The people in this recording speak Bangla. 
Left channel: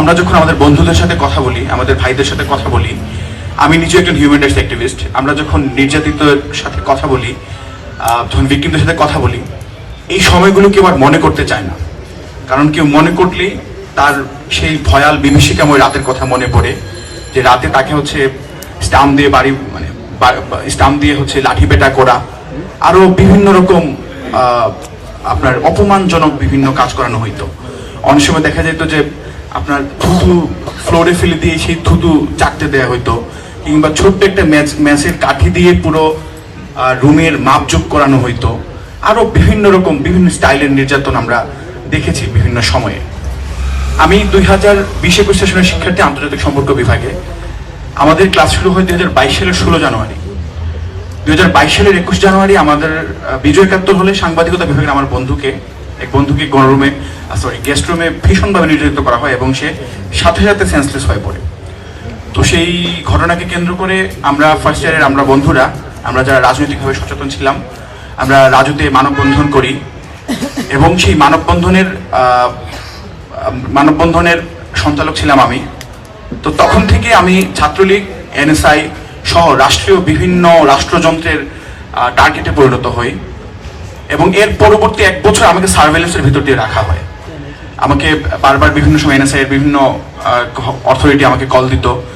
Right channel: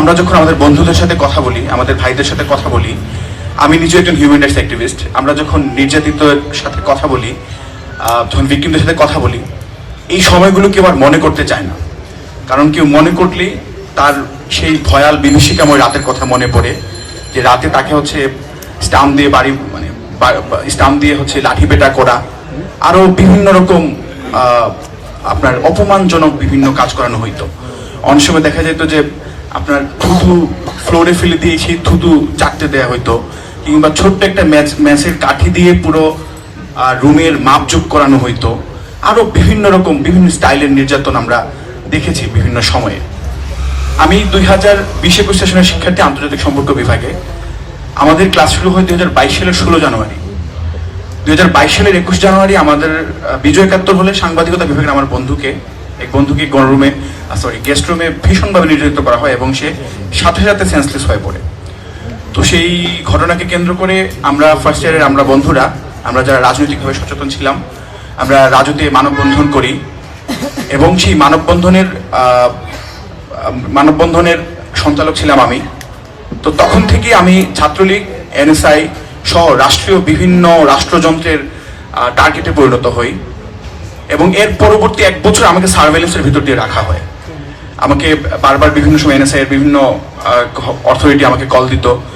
আমরা যখন আমাদের বন্ধুদের সাথে কথা বলি, আমাদের ভাইদের সাথে কথা বলি, আমি নিজে একজন হিউম্যান রাইটস অ্যাক্টিভিস্ট, আমরা যখন নির্যাতিতের সাথে কথা বলি, যখন ভিকটিমদের সাথে কথা বলি, এই সময়গুলো কেউ আর মনে করতে চায় না। কারণ কেউ মনে করলেই তার সেই ভয়াল বিভীষিকাময় রাতের কথা মনে পড়ে, যে রাতে তাকে হচ্ছে স্টাম্প দিয়ে স্টাম্প দিয়ে হচ্ছে লাঠি পেটা করা, আরো বিভিন্ন রকম আপনার অপমানজনক বিভিন্ন কাজ করানো হইতো। অনেক সময় দেখা যেত যে আপনার থুতু ফ্লোরে ফেলে দিয়ে সেই থুতু চাটতে দেওয়া হইতো, কিংবা ছোট্ট একটা ম্যাচের কাঠি দিয়ে পুরো রুমের মাপযোগ করানো হইতো। আরো বিভিন্ন রকম বিভিন্ন স্টাইলের নির্যাতন আমরা দেখেছি বিভিন্ন সময়ে। আমি 2020-21 সেশনের শিক্ষার্থী, আন্তর্জাতিক সম্পর্ক বিভাগে। আমাদের ক্লাস শুরু হয় 2022 সালের 16 জানুয়ারি। 2022 সালের 21 জানুয়ারি আমাদের বিজয় একাত্তর হলে সাংবাদিকতা বিভাগের আমার এক বন্ধুকে গেস্ট রুমে ভীষণভাবে নির্যাতিত করা হয় এবং সে সাথে সাথে সেন্সলেস হয়ে পড়ে। তো সেই ঘটনাকে কেন্দ্র করে আমরা ফার্স্ট ইয়ারের বন্ধুরা, আমরা যারা রাজনৈতিকভাবে সচেতন ছিলাম, আমরা রাজুতে মানববন্ধন করি এবং সেই মানববন্ধনের সঞ্চালক ছিলাম আমি। তো তখন থেকে আমি ছাত্রলীগ, এনএসআই সহ রাষ্ট্রীয় বিভিন্ন রাষ্ট্রযন্ত্রের টার্গেটে পরিণত হই এবং এর পরবর্তী 1 বছর আমাকে সার্ভেলেন্সের ভিতর দিয়ে রাখা হয়। আমাকে বারবার বিভিন্ন সময় এনএসআই এর বিভিন্ন অথরিটি আমাকে কল দিত